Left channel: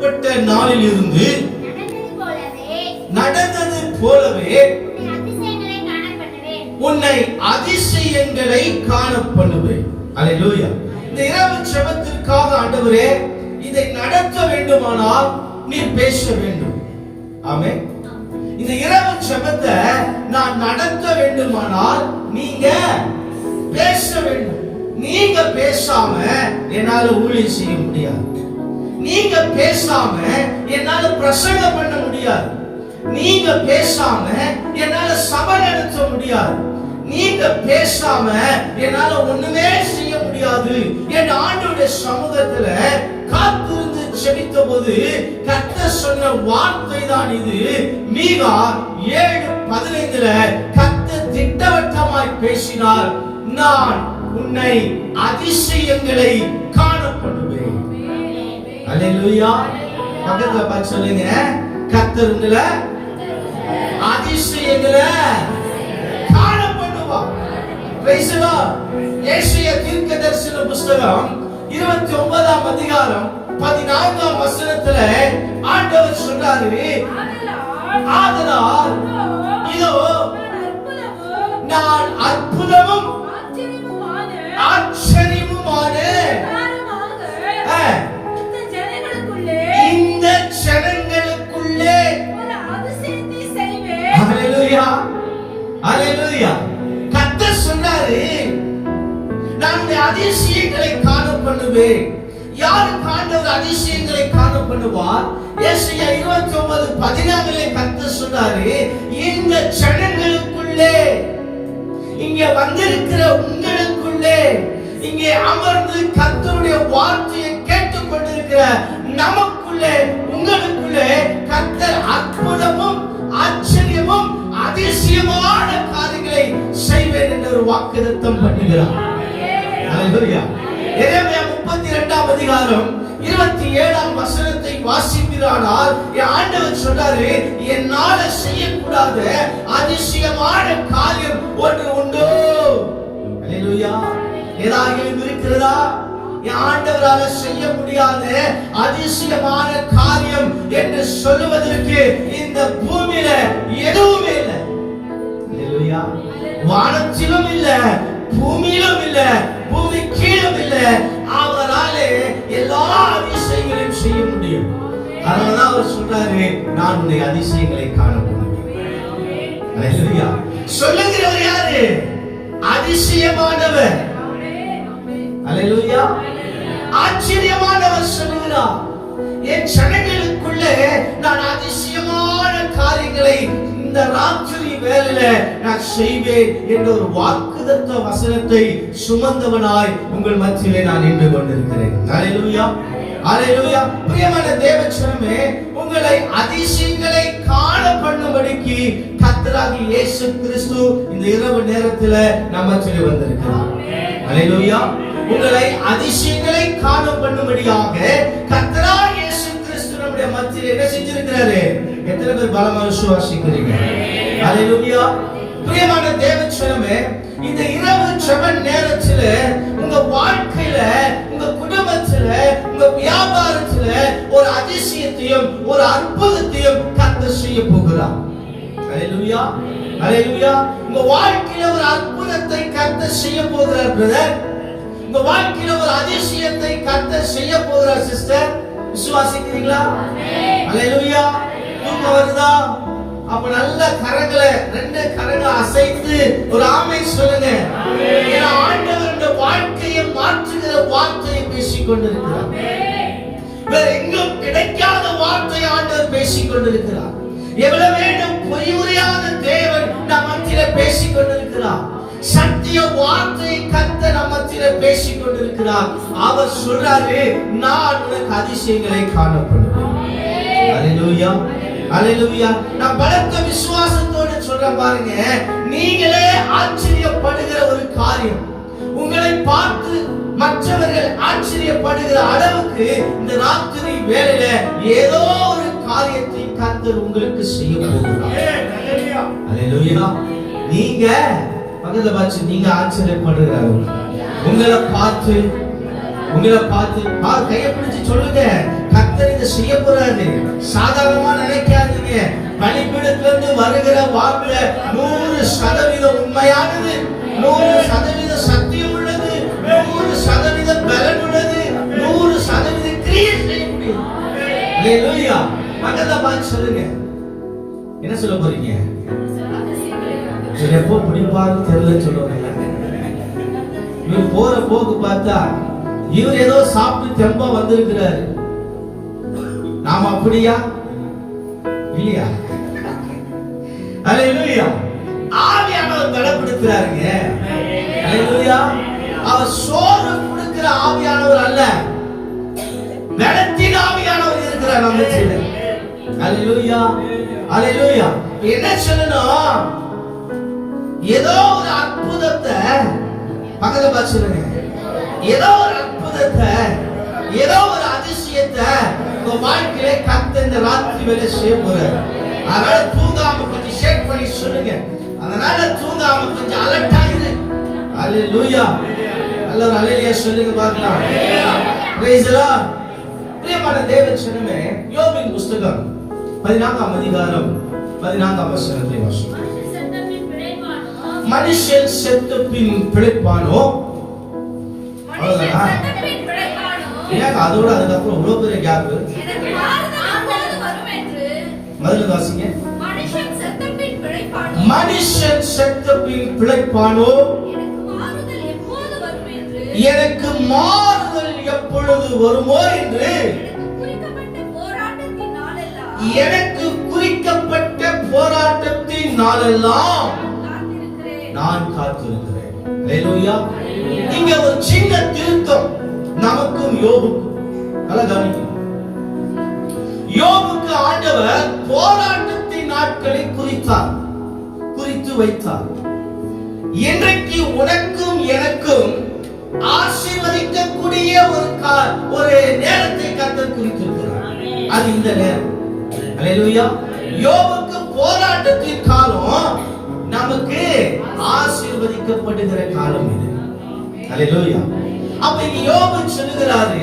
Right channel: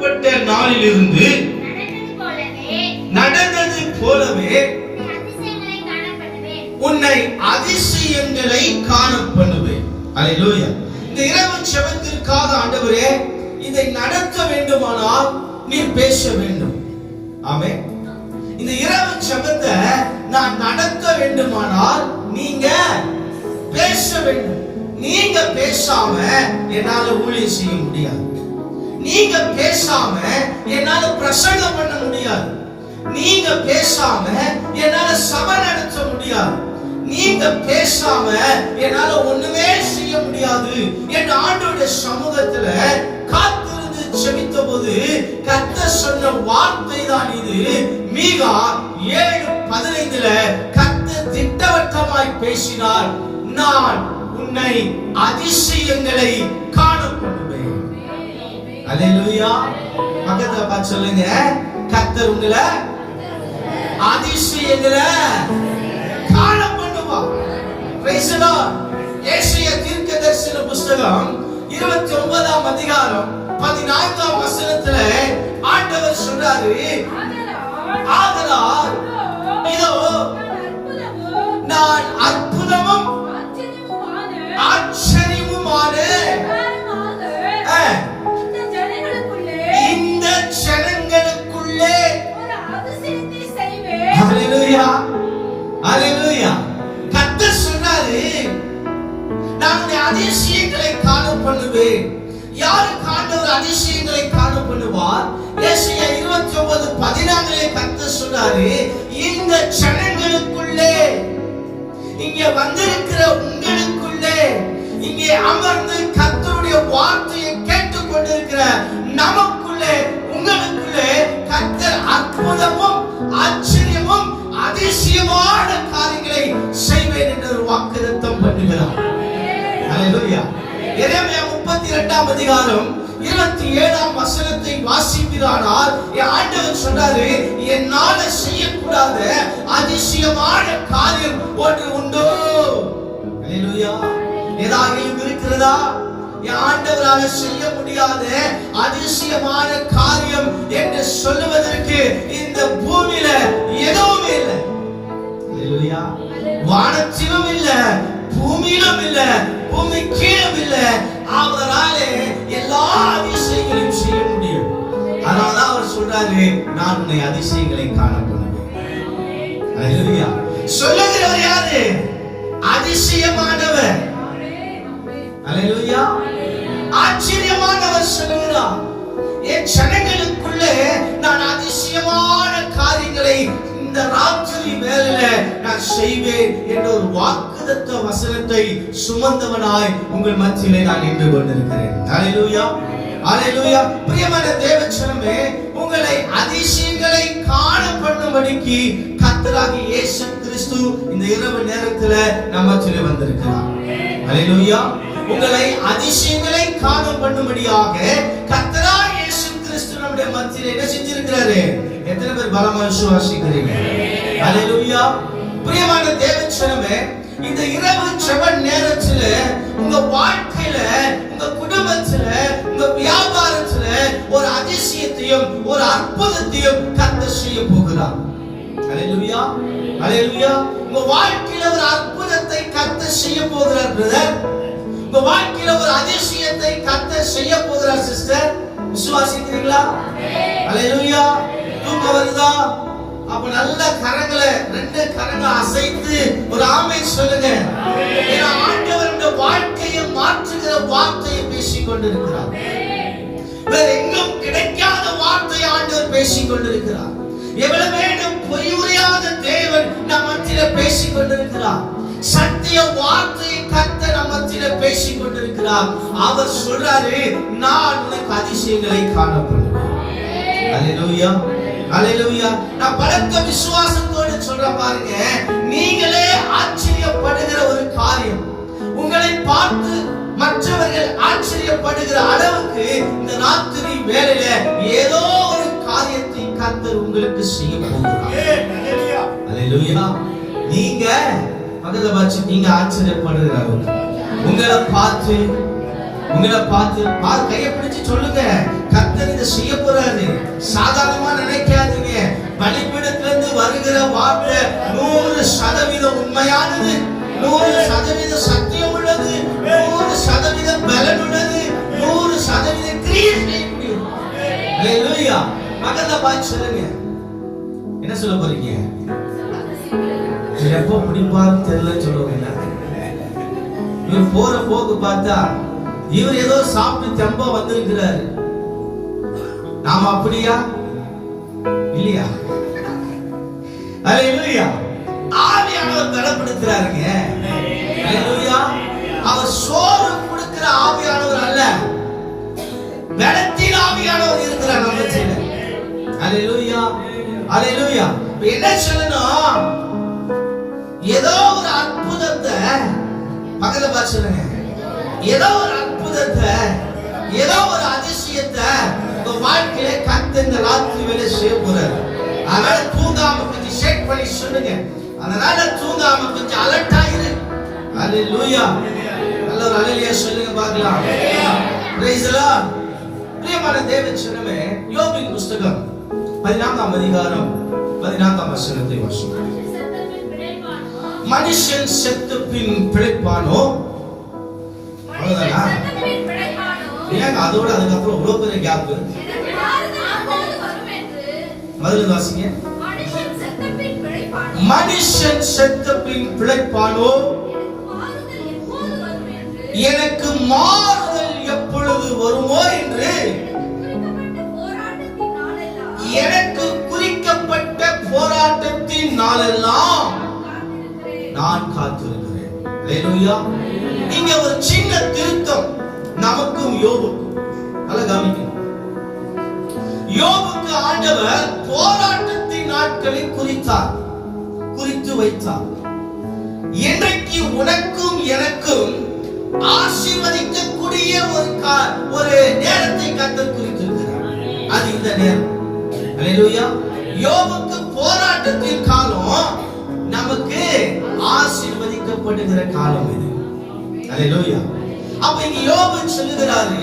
புறப்பட்ட நாளிலிருந்து நடந்தது போலவே உன்னை அதிசயங்களை காண பண்ணுவேன். அல்லேலூயா. இந்த இரவு ஜெபத்திற்காக ஆண்டவரே இதை நடத்த வேண்டுமானால் நீர் பேச வேண்டும். ஆமென். இந்த இரவு ஜெபத்தை நான் நடத்த வேண்டுமானால் நீங்க பேச வேண்டும். நீங்க பேசாம என்னால ஊழியம் செய்ய முடியாது. நீங்க பேசாம என்னால பிரசங்கம் பண்ண முடியாது. நீங்க பேசாம என்னால சபை நடத்த முடியாது. நீங்க பேசாம என்னால ஒண்ணுமே செய்ய முடியாது என்ற ஆண்டவருடைய சமூகத்துல காத்திருந்து ஜெபித்த போது கர்த்தர் சொன்ன வார்த்தை தான் இது. மீகா 7:15 கர்த்தர் திட்டவட்டமாய் பேசினார். நான் உன்னை அதிசயங்களை காண பண்ணுவேன். அல்லேலூயா. பக்கத்துல பார்த்து சொல்லுங்க, கர்த்தர் உங்களை அதிசயங்களை காண பண்ணுவார். Price the Lord. ஏசாயா தீர்க்கதரிசன புத்தகம் 29ஆம் அதிகாரம் 14ஆம் வசனத்துல ஆண்டவர் சொல்றாரு, ஆதலால் இதோ நான் அற்புதமும் ஆச்சரியமுமான இந்த ஜனங்களுக்குள்ளே ஹalleluya ஹalleluya. கர்த்தர் சொன்னாரு, நான் அதிசயங்களை காண பண்ணுவேன். யாருக்கு ஆண்டவர் அதிசயங்களை காண பண்ணுவார்? ஏசாயா 29:14 கர்த்தர் சொன்னாரு, இந்த ஜனங்களுக்குள்ளே, இங்கே வந்திருக்கிற உங்களுக்குள்ளே, இங்கே அமர்ந்து கர்த்தருடைய வார்த்தையை கேட்டுக் கொண்டிருக்கிற நமக்குள்ளே, உங்களுக்குள்ளே கர்த்தர் அற்புதமும் ஆச்சரியமும் அதிசயமான காரியங்களை செய்வேன் என்று ஒரு வாக்குத்தத்தம் பண்ணுகிறார். ஹalleluya. எரேமியா 32ஆம் அதிகாரம் 27ஆம் வசனத்தை வாசிப்பீரானால் ஆண்டவர் சொல்றாரு, என்னால செய்யக்கூடாத அதிசயமான காரியம் ஒன்று உண்டோ? ஹalleluya. ஏதாகிலும் இருக்கிறதா? என் ஆண்டவரால செய்ய முடியாத அதிசயமான காரியம் என்று சொல்லுவதற்கு இந்த பூமியில எதுவுமே இல்லை. ஹalleluya. வானத்திலும் இல்ல, பூமியிலும் இல்ல, பூமி கீழும் இல்ல. அவராலே எல்லா அதிசயங்களையும் செய்ய முடியும். அதனாலதான் அவர் சொல்றாரு, நான் உன்னை அதிசயங்களை காண பண்ணுவேன். ஹalleluya. சொல்லுகிறவர் யாரு? அதிசயமானவர். ஹalleluya. ஆச்சரியமானவர் சொல்லுகிறார், என் ஜனங்களுக்குள்ளே நான் அதிசயமான காரியங்களை இந்த ராத்திரி வேளையில நான் செய்வேன் என்ற ஒரு வாக்குத்தத்த வசனத்தை சுமந்தவனாய் உங்கள் மத்தியிலே நான் நின்று கொண்டிருக்கிறேன். ஹalleluya ஹalleluya. பிரியமான தேவஜனமே, உங்களை அதிசயங்களை காண பண்ணும்படிக்கு கர்த்தராகிய இயேசு கிறிஸ்து இந்த இரவு நேரத்துல நம்ம மத்தியிலே வந்திருக்கிறார். ஹalleluya. உங்களை அதிசயங்களை காண பண்ணும்படியாக கர்த்தராகிய இயேசு கிறிஸ்து நம்முடைய மத்தியிலே என்ன செஞ்சிருக்கிறாரு? எத்தனை பேர் பலமா விசுவாசிக்கிறீங்க? ஹalleluya. பிரியமான தேவஜனமே, இந்த இரவு ஜெப நேரத்துல உங்க வாழ்க்கையில, உங்க குடும்பத்துல, உங்க வியாபாரத்துல ஒரு அதிசயத்தையும் ஒரு அற்புதத்தையும் கர்த்தர் செய்ய போகிறார். ஹalleluya ஹalleluya. உங்க வாழ்க்கையில ஒரு அற்புதத்தை கர்த்தர் செய்ய போகிறார் பிரதர். உங்க வாழ்க்கையில ஒரு அதிசயத்தை கர்த்தர் செய்ய போகிறார் சிஸ்டர். விசுவாசிக்கிறீங்களா? ஹalleluya. தூக்கம் வருதா? அப்ப நல்ல கரங்களை, 2 கரங்களை அசைத்து ஒரு ஆமென் சொல்லுங்க. ஏன்னா ஆண்டவர் இந்த வாழ்க்கையை மாற்றுகிற வார்த்தையை பேசிக் கொண்டிருக்கிறார். வேற எங்கும் கிடைக்காத வார்த்தை ஆண்டவர் பேசிக் கொண்டிருக்கிறார். எவ்வளவு வேண்டும் பொய்யுரையாத தேவன் நம் மத்தியிலே பேசிக் கொண்டிருக்கிறார். சத்திய வார்த்தை கர்த்தர் நம் மத்தியிலே பேசிக் கொண்டிருக்கிறார். அவர் சொல்றாரு, நான் உனக்கு அதிசயங்களை காண பண்ணுவேன். ஹalleluya ஹalleluya. நான் பலத்த விசுவாசத்தோடு சொல்ற பாருங்க, நீங்களே ஆச்சரியப்படுகிற ஒரு காரியம், உங்களை பார்த்து மற்றவர்கள் ஆச்சரியப்படுகிற அளவுக்கு இந்த ராத்திரி வேளையில ஏதோ ஒரு காரியத்தை கர்த்தர் உங்களுக்கு செய்ய போகிறார். ஹalleluya. நீங்க பக்கத்துல பார்த்து நீங்க ஆச்சரியப்படுகிறார்கள். உங்களை பார்த்து கையை பிடிச்சு சொல்லுங்க, கர்த்தர் இதை செய்ய போறாரு. சாதாரணமா நினைக்காதீங்க. பலிபீடத்திலிருந்து வருகிற வார்த்தை 100% உண்மையானது, 100% சத்தியம் உள்ளது, 100% பலன் உள்ளது, 100% கிரியை செய்யும். ஹalleluya. பக்கத்துல பார்த்து சொல்லுங்க, என்ன சொல்ல போறீங்க? எப்போ பிடிப்பான்னு தெரியல சொல்லுவாங்க. இவர் போற போக்கு பார்த்தா இவர் ஏதோ சாப்பிட்டு தெம்பா வந்திருக்கிறாரு. நாம அப்படியா இல்லையா? ஹalleluya. ஆவியானவர் பலப்படுத்துறாருங்க. ஹalleluya. அவர் சோறு கொடுக்கிற ஆவியானவர் அல்ல, பலத்தின் ஆவியானவர் இருக்கிறார் நம்ம மத்தியில. ஹalleluya. ஹalleluya. என்ன சொல்லணும்? ஏதோ ஒரு அற்புதத்தை பக்கத்துல பார்த்து சொல்லுங்க. ஏதோ ஒரு அற்புதத்தை, ஏதோ ஒரு அதிசயத்தை உங்க வாழ்க்கையில கர்த்தர் இந்த ராத்திரி வேளை செய்ய போறாரு. அதனால தூங்காம கொஞ்சம் ஷேக் பண்ணி சொல்லுங்க. அதனால தூங்காம கொஞ்சம் அலர்ட் ஆயிரு. ஹalleluya. எல்லாரும் ஹalleluya சொல்லுங்க பார்க்கலாம். praise the Lord. பிரியமான தேவ ஜனமே, யோபின் புத்தகம் 14ஆம் அதிகாரம் 14ஆம் வசனத்தை வாசிப்போம். மனுஷன் செத்த பின் பிழைப்பானோ? அவ்வளவுதானா? ஏங்க அதோட அதுக்கப்புறம் இவ்வளவு பெரிய கேப்? முதல்ல வாசிங்க. மனுஷன் செத்த பின் பிழைப்பானோ? எனக்கு மாறுதல் எப்பொழுது வருமோ என்று எனக்கு குறிக்கப்பட்ட போராட்டத்தின் நாளெல்லாம் நான் காத்திருக்கிறேன். ஹalleluya. இங்க ஒரு சின்ன திருத்தம் நமக்கும் யோபுக்கும். நல்லா கவனிக்கணும். யோபுக்கு ஆண்டவர் போராட்டத்தின் நாட்களை குறித்து வைத்தார். இன்றைக்கு உனக்கும் எனக்கும் ஆசீர்வதிக்கக்கூடிய ஒரு நேரத்தை கர்த்தர் குறித்திருக்கிறார். அது இந்த நேரம். ஹalleluya. யோபுக்கு போராட்டத்தின் காலம், நமக்கு ஆசீர்வதிக்கப்படுகிற காலம் இது. ஹalleluya. அப்ப இங்க யோபு சொல்லுகிறாரு,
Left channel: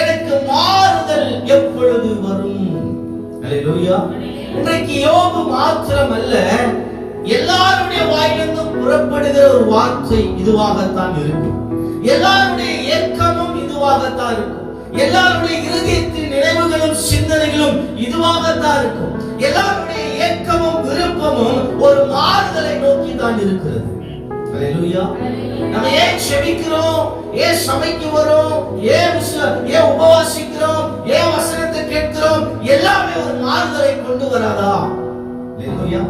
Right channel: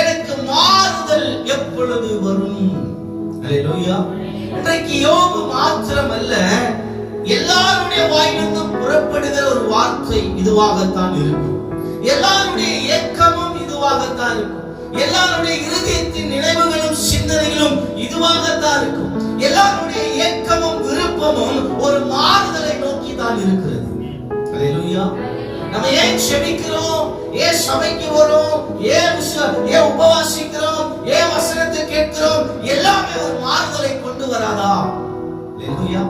எனக்கு மாறுதல் எப்பொழுது வரும்? ஹalleluya. இன்றைக்கு யோபு மாத்திரம் அல்ல, எல்லாருடைய வாயிலிருந்தும் புறப்படுகிற ஒரு வார்த்தை இதுவாகத்தான் இருக்கும். எல்லாருடைய இயக்கமும் இதுவாகத்தான் இருக்கும். எல்லாருடைய இருதயத்தின் நினைவுகளும் சிந்தனைகளும் இதுவாகத்தான் இருக்கும். எல்லாருடைய இயக்கமும் விருப்பமும் ஒரு மாறுதலை நோக்கி தான் இருக்கிறது. ஹalleluya. நம்ம ஏன் செபிக்கிறோம், ஏன் சபைக்கு வரோம், ஏன் உபவாசிக்கிறோம், ஏன் வசனத்தை கேட்கிறோம், எல்லாமே ஒரு மாறுதலை கொண்டு வராதா? ஹalleluya.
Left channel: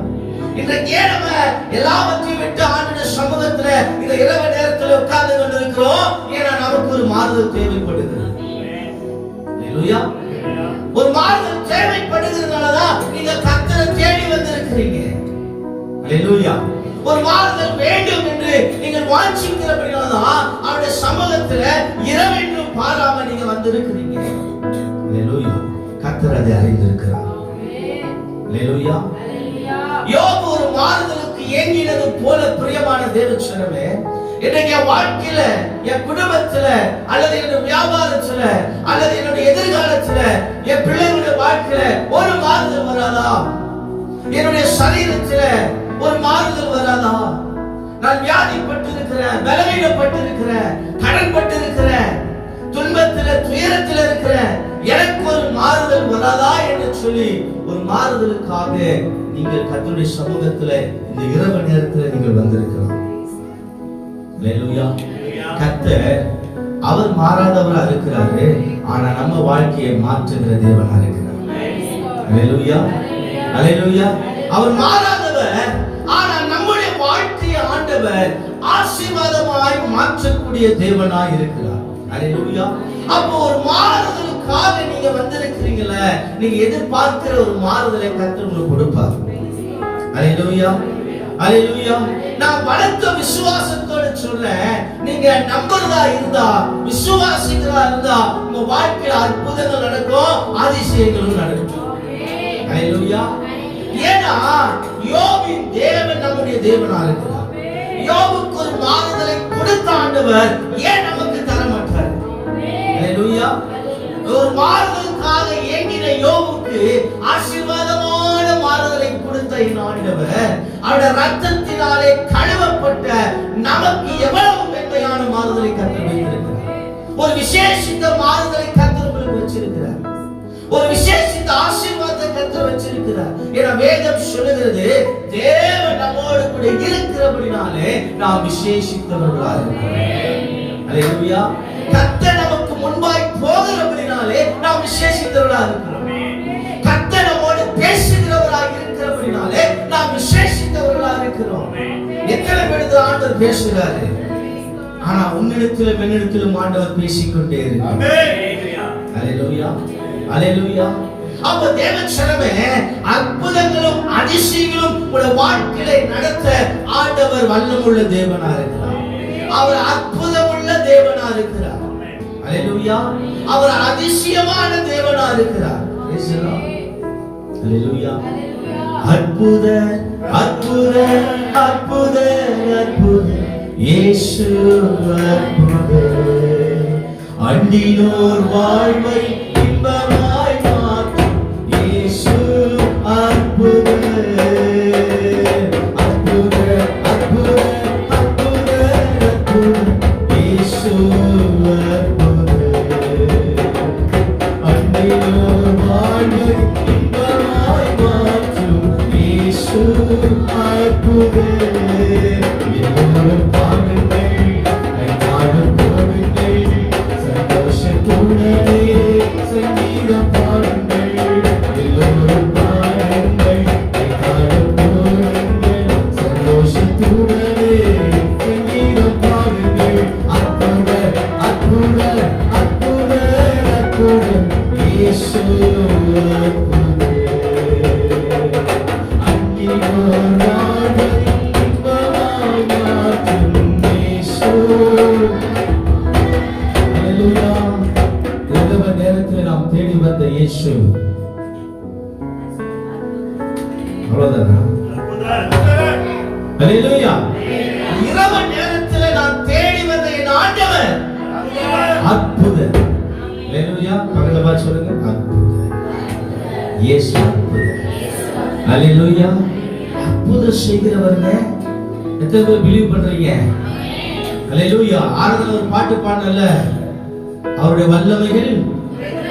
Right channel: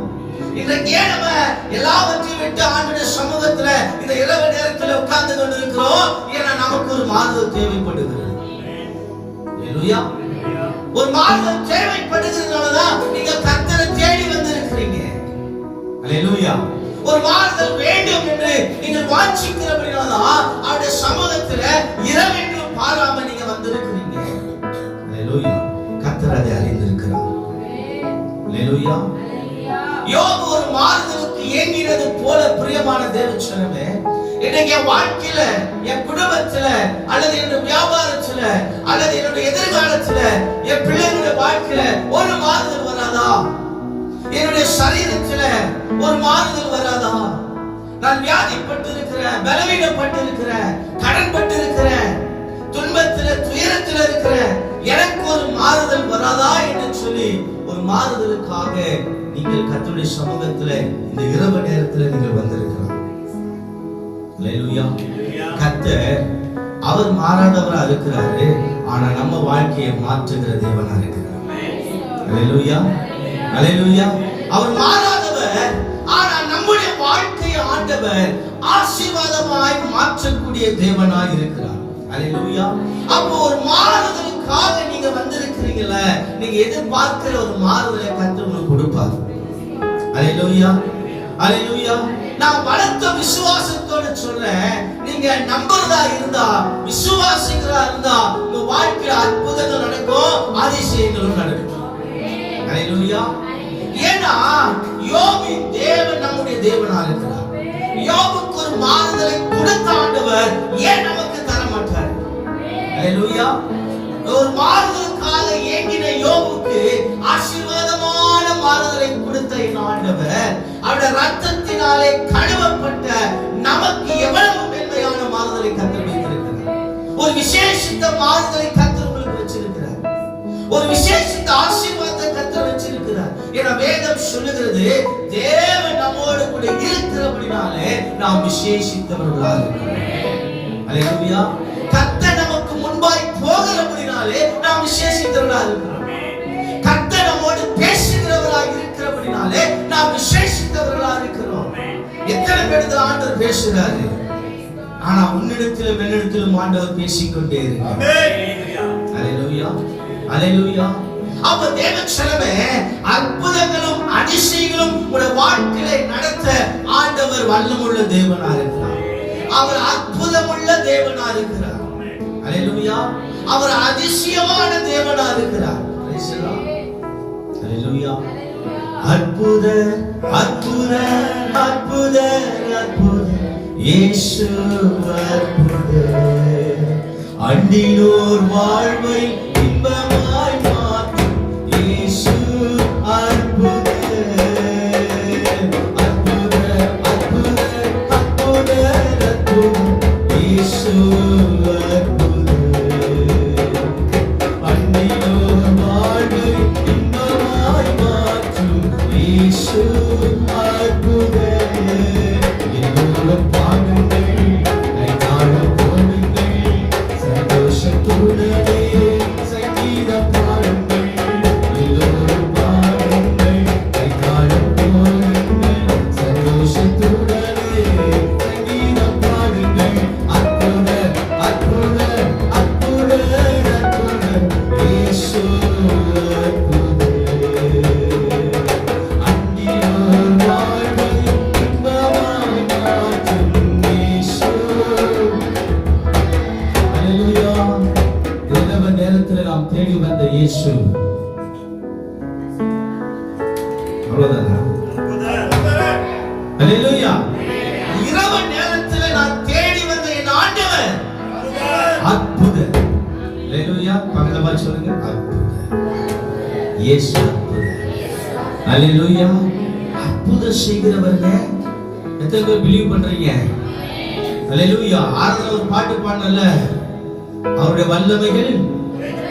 இன்றைக்கு நம்ம எல்லாவற்றையும் விட்டு ஆண்டவருடைய சமூகத்துல இந்த இரவு நேரத்தில் உட்கார்ந்து கொண்டிருக்கிறோம். ஏன்னா நமக்கு ஒரு மாறுதல் தேவைப்படுகிறது. ஹalleluya. ஒரு மாறுதல் தேவைப்படுகிறதுனாலதான் நீங்க கர்த்தரை தேடி வந்திருக்கிறீங்க. ஹalleluya. ஒரு மாறுதல் வேண்டும் என்று நீங்கள் வாஞ்சிக்கிறபடினால்தான் அவருடைய சமூகத்துல இரவென்றும் பாராம நீங்க வந்திருக்கிறீங்க. ஹalleluya. கர்த்தர் அதை அறிந்திருக்கிறார். ஹalleluya. யோபு ஒரு மாறுதலுக்கு ஏங்கினது போல பிரியமான தேவச்சனமே, இன்னைக்கு என் வாழ்க்கையில, என் குடும்பத்துல, அல்லது என் வியாபாரத்துல, அல்லது என்னுடைய எதிர்காலத்துல, என் பிள்ளைகளுடைய வாழ்க்கையில ஒரு மாறுதல் வராதா? என்னுடைய சரீரத்துல ஒரு மாறுதல் வராதா? நான் வியாதிப்பட்டு இருக்கிறேன், பலவீனப்பட்டு இருக்கிறேன், கடன் பட்டு இருக்கிறேன், துன்பத்துல துயரத்துல இருக்கிறேன், எனக்கு ஒரு மாறுதல் வராதா என்று சொல்லி ஒரு மாறுதலுக்காக நீங்கள் கர்த்தருடைய சமூகத்துல இந்த இரவு நேரத்துல நீங்கள் வந்திருக்கிறோம். ஹalleluya. கர்த்தர் அவர் மாறாதவரா இருக்கிறாரு, ஆனா நம்ம வாழ்க்கையை மாற்றுகிற தேவனா இருக்கிறார். ஹalleluya. ஹalleluya. அவர் மாறாதவர், ஆனா நம்முடைய வாழ்க்கையை ஆண்டவர் ஆசீர்வாதமாய் மாற்றக்கூடிய தேவனாய் இருக்கிறார். ஹalleluya. அப்போ ஒரு மாறுதலுக்காக நீங்க வந்திருக்கிறீங்கல, நீங்க எதிர்பார்க்கிற ஒரு மாறுதலை கர்த்தர் உங்களுக்கு கொடுப்பார். ஹalleluya. ஹalleluya. நான் பலத்த விசுவாசத்தோட சொல்றேன், நீங்க நம்புறதா இருந்தா, விசுவாசிக்கிறதா இருந்தா உங்க வாழ்க்கையில அற்புதங்கள் நடக்கும், அதிசயங்களும் நடக்கும். ஹalleluya. ஏன்னா யோபின் தேவன் நம்முடைய தேவனா இருக்கிறார். யோபுக்கு ஒரு மாறுதலை கொடுத்த ஆண்டவர் ஏன் நமக்கு தர மாட்டார்? ஹalleluya. ஒரு மாறுதலுக்காக ஏங்கின யோபுக்கு ஆசீர்வாதமான மாறுதலை கொடுத்த இந்த ஆண்டவர் அவருடைய ரத்தத்தினாலே கழுவப்பட்ட நமக்கு எவ்வளவு மென்மையான மாறுதலை கர்த்தர் வைத்திருக்கிறார். ஒரு விசேஷித்த மாறுதலை கர்த்தர் உங்களுக்கு வச்சிருக்கிறார். ஒரு விசேஷித்த ஆசீர்வாதத்தை கர்த்தர் வச்சிருக்கிறார். ஏன்னா வேதம் சொல்லுகிறது, தேவன் நம்மோடு கூட இருக்கிறபடினாலே நாம் விசேஷித்தவர்களாக இருக்கிறோம். அல்லேலூயா. கர்த்தர் நமக்கு முன்பாய் போகிறபடினாலே நாம் விசேஷித்தவர்களாக இருக்கிறோம். கர்த்தர் நம்மோடு பேசுகிறவராக இருக்கிறபடினாலே நாம் விசேஷித்தவர்களாக இருக்கிறோம். எத்தனை பேருக்கு ஆண்டவர் பேசுகிறாரு, ஆனா உன்னிடத்திலும் என்னிடத்திலும் ஆண்டவர் பேசிக்கொண்டே இருக்கிறார். அல்லேலூயா, அல்லேலூயா. அப்ப தேவச்சனமே, அற்புதங்களும் அதிசயங்களும் உடைய வாழ்க்கையை நடத்த ஆண்டவர் வல்லமுள்ள தேவனா இருக்கிறார். அவர் அற்புதமுள்ள தேவனா இருக்கிறார். அல்லேலூயா. அவர் அதிசயமான தேவனா இருக்கிறார். அல்லேலூயா. அற்புத அற்புத அற்புத அற்புத இயேசு அற்புத, அண்டினோர் வாழ்வை இன்பமாய் மாற்றும் இயேசு அற்புத. அற்புத அற்புத அற்புத அற்புத இயேசு அற்புத, அண்டினோர் வாழ்வை இன்பமாய் மாற்றும் இயேசு அற்புத. எல்லோரும் பாடுங்கள், நாடும் போடுங்கள், சந்தோஷத்துடனே சங்கீதம் பாடுங்கள். எல்லோரும் பாடுங்கள், நாடும் போடுங்கள், சந்தோஷத்துடனே சங்கீதம் பாடுங்கள். அற்புத அற்புத அற்புத அற்புத இயேசு அற்புத, அண்டினோர் வாழ்வை இன்பமாய் மாற்றும் இயேசு. அல்லேலூயா. இரவு நேரத்தில் நாம் தேடி வந்த இயேசு. அவ்வளவுதானா? அல்லேலூயா. இரவு நேரத்தில் நாம் தேடி வந்த என் ஆண்டவர் அற்புத. அல்லேலூயா. பகலவா சொல்லுங்க, அற்புத இயேசு அற்புத. அல்லேலூயா. அற்புதம் செய்கிறவங்க எத்தனை பேர் பிலீவ் பண்றீங்க? அல்லேலூயா. ஆராதனை ஒரு பாட்டு பாடல, அவருடைய வல்லமைகள்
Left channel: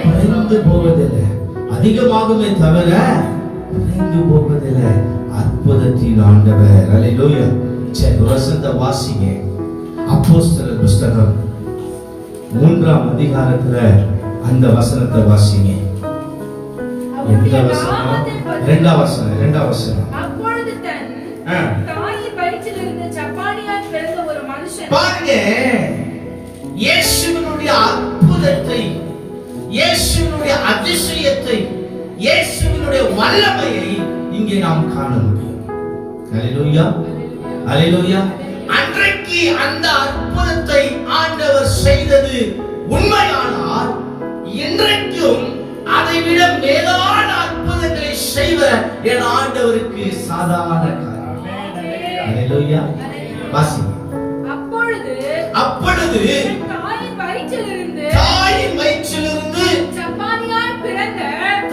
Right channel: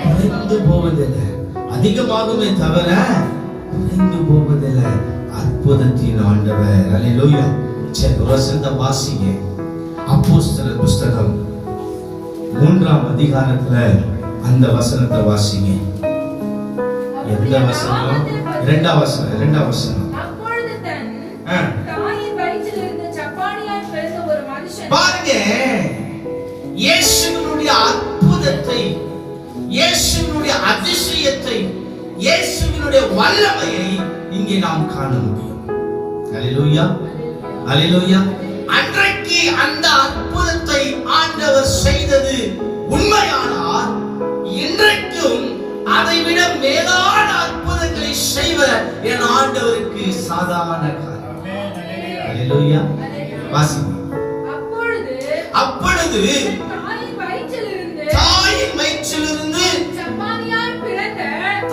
குறைந்து போவதில்லை, அதிகமாகுமே தவிர குறைந்து போவதில்லை. அற்புதத்தின் ஆண்டவர். அல்லேலூயா. சரி, வசனத்தை வாசிங்க. அப்போஸ்தலர் புஸ்தகம் 3ஆம் அதிகாரத்துல அந்த வசனத்தை வாசிங்க. எந்த வசனம்? 2ஆம் வசனம். 2ஆம் வசனம். அப்பொழுது தன் தாயின் வயிற்றிலிருந்து சப்பானியாய் பிறந்த ஒரு மனுஷன். பாருங்க, இயேசுவினுடைய அற்புதத்தை, இயேசுவினுடைய அதிசயத்தை, இயேசுவினுடைய வல்லமையை இங்கே நாம் காண முடியும். அல்லேலூயா, அல்லேலூயா. அன்றைக்கு அந்த அற்புதத்தை ஆண்டவர் செய்தது உண்மையானால், இன்றைக்கும் அதைவிட மேலான அற்புதங்களை செய்வ என் ஆண்டவருக்கு சாதாரண காரியம். அல்லேலூயா. வாசிங்க. அப்பொழுது தாயின் வயிற்றிலிருந்து சப்பானியாய் பிறந்த,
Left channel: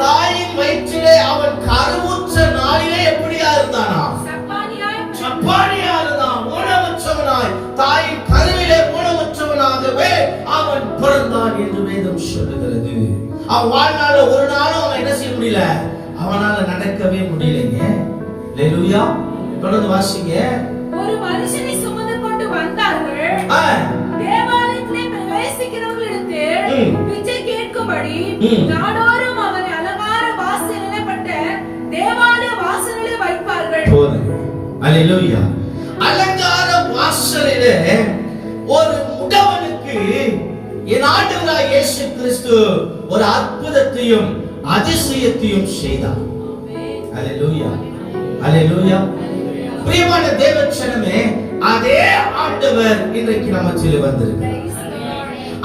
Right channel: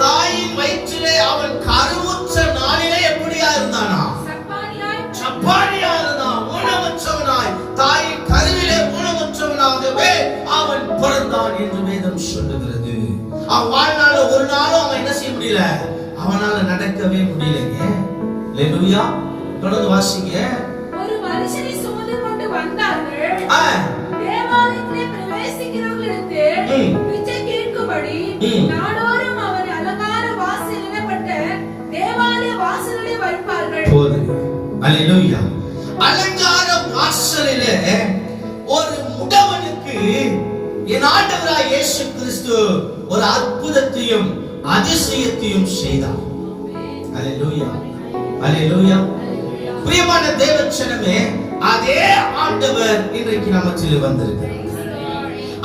தாயின் வயிற்றிலே அவன் கருவுற்ற நாளிலே எப்படியா இருந்தானா? சப்பானியா இருந்தான். ஊனமுற்றவனாய் தாயின் கருவிலே ஊனமுற்றவனாகவே அவன் பிறந்தான் என்று வேதம் சொல்லுகிறது. அவன் வாழ்நாள ஒரு நாளும் அவன் என்ன செய்ய முடியல, அவனால நடக்கவே முடியலைங்க. அல்லேலூயா. தொடர்ந்து வாசிங்க. ஒரு மனுஷனை சுமந்து கொண்டு வந்தார்கள். தேவாலயத்திலே பிரவேசிக்கிறவர்களிடத்தில் பிச்சை கேட்கும்படி நாடோறும் அவன் அலங்கார வாசல் எனப்பட்ட தேவாலய வாசலிலே வைப்பார்கள். அல்லேலூயா. அலங்கார வாசலிலே ஒரு முடவனுக்கு என் ஆண்டவராய் இயேசு கிறிஸ்து ஒரு அற்புதத்தையும் அதிசயத்தையும் செய்தார். அல்லேலூயா, அல்லேலூயா. பிரியமான தேவச்சனமே, அதே ஆண்டவர் இன்றைக்கு நம்ம மத்தியிலே வந்திருக்கிறார்.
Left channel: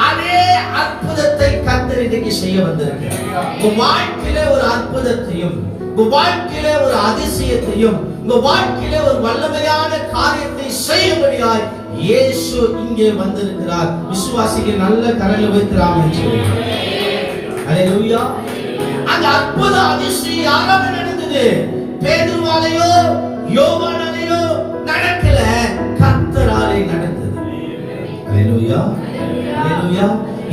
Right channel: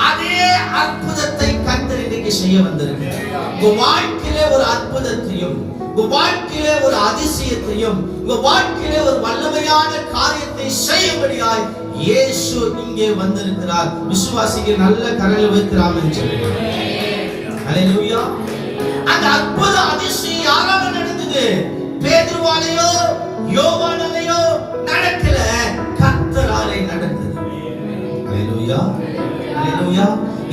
அதே அற்புதத்தை கர்த்தர் இன்றைக்கு செய்ய வந்திருக்கிறார். உங்க வாழ்க்கையிலே ஒரு அற்புதத்தையும், உங்க வாழ்க்கையிலே ஒரு அதிசயத்தையும், உங்க வாழ்க்கையிலே ஒரு வல்லமையான காரியத்தை செய்யும்படியாய் இயேசு இங்கே வந்திருக்கிறார். விசுவாசிக்கு நல்ல கரங்களை வைக்கிறார் என்று சொல்லுகிறார். ஹalleluya. அந்த அற்புத அதிசயம் யாரால நடந்தது? பேதுருவாலேயோ யோவானாலேயோ நடக்கல, கர்த்தராலே நடந்தது. ஹalleluya, ஹalleluya.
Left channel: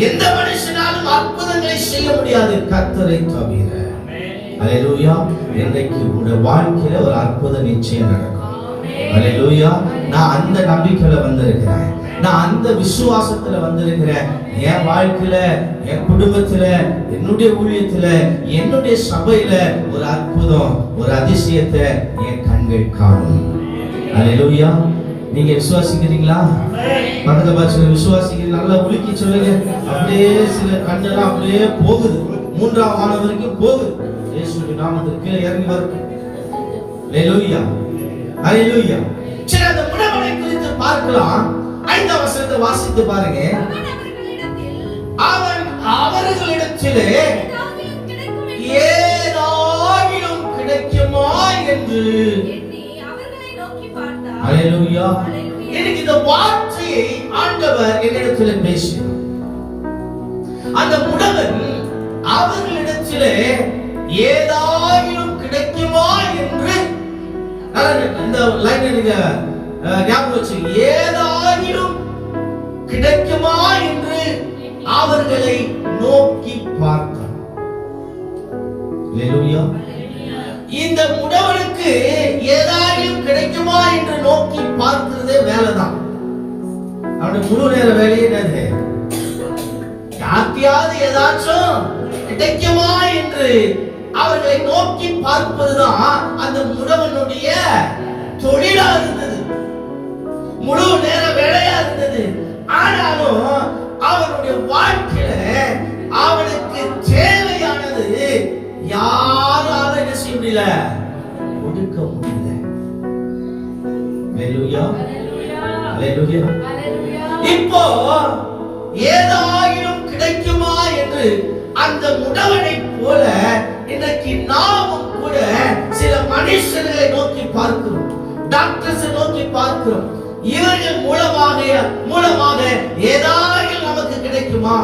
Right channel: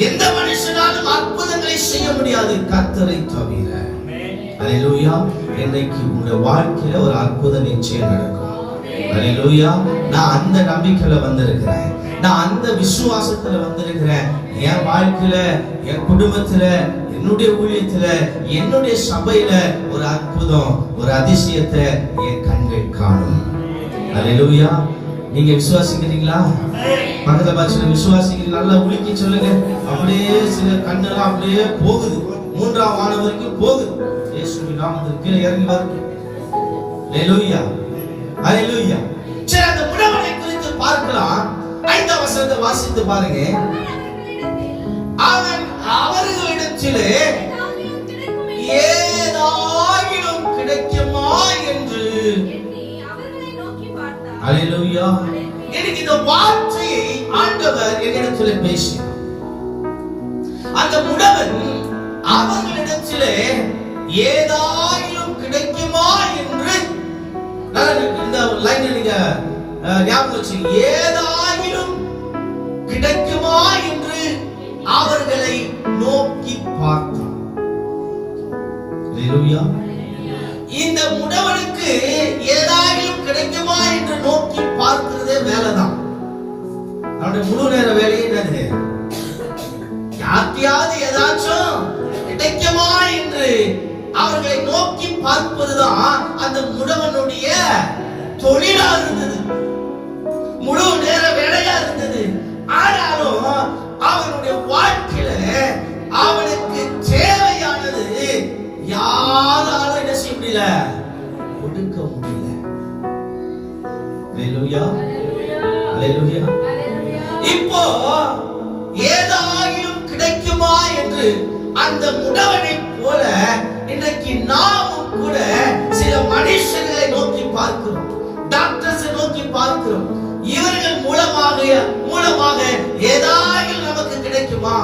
எந்த மனுஷனாலும் அற்புதங்களை செய்ய முடியாது கர்த்தரை தவிர. ஹalleluya. இன்றைக்கு உங்க வாழ்க்கையில ஒரு அற்புதம் நிச்சயம் நடக்கும். ஹalleluya. நான் அந்த நம்பிக்கையில வந்திருக்கிறேன், நான் அந்த விசுவாசத்துல வந்திருக்கிறேன். என் வாழ்க்கையில, என் குடும்பத்துல, என்னுடைய ஊழியத்துல, என்னுடைய சபையில ஒரு அற்புதம், ஒரு அதிசயத்தை என் கண்கள் காணும். ஹalleluya. நீங்க விசுவாசிக்கிறீங்களா? பக்கத்துல பார்த்து விசுவாசிக்கிறீங்க, நல்லா உலுக்கி சொல்லுங்க. அப்படியே சில கண்ணெல்லாம் அப்படியே போகுது, 3ஆம் வானம் வரைக்கும் போகுது. இயேசுவின் நாமத்தில் கீழே இறங்கி வருது. ஹalleluya, ஹalleluya. சரி, அந்த முடவனை குறித்து பார்க்கலாம். 5ஆம் வசனத்தை வாசித்து பாருங்க. அவன் அவர்களிடத்திலே ஏதாகிலும் கிடைக்குமா என்று ஹalleluya. எனக்கு இந்த வார்த்தையை ஆண்டவர் என்னிடத்தில் பேசினார். அந்த முடவன் அவர்களிடத்திலே ஏதாகிலும் கிடைக்குமா என்று, இந்த லைன் நீங்க ஞாபகம் வச்சு, ஏதாகிலும் கிடைக்குமா என்று அவர்களை நோக்கி பார்த்தான். ஹalleluya. இந்த முடவனுக்கு ஏதாகிலும் கிடைக்குமா என்று நோக்கி பார்க்கிறதே வேலைதான். அவனுடைய முழு நேர வேலையே என்னது? யாத்தியாவது ஏதாச்சும் கிடைக்குமா என்று அவர்களை நோக்கி பார்ப்பதுதான் அந்த முடவனுடைய தொழிலா இருந்தது, முழு நேர வேலையா இருந்தது. ஆனாலும் அவனுடைய வாழ்க்கையில அவனுக்கு தேவையானது யாரால என்ன செய்ய முடியல, கொடுக்க முடியல. ஹalleluya, ஹalleluya. இப்போ ஏதாகிலும் கிடைக்குமா என்று அந்த முடவனை போல இன்றைக்கு நாமும் கூட சில மனுஷர்களை நோக்கி பார்க்கிறோம், டாக்டர்ஸ் நோக்கி பார்க்கிறோம். இவர்கள் மூலமாக ஏதாகிலும் நமக்கு கிடைக்குமா?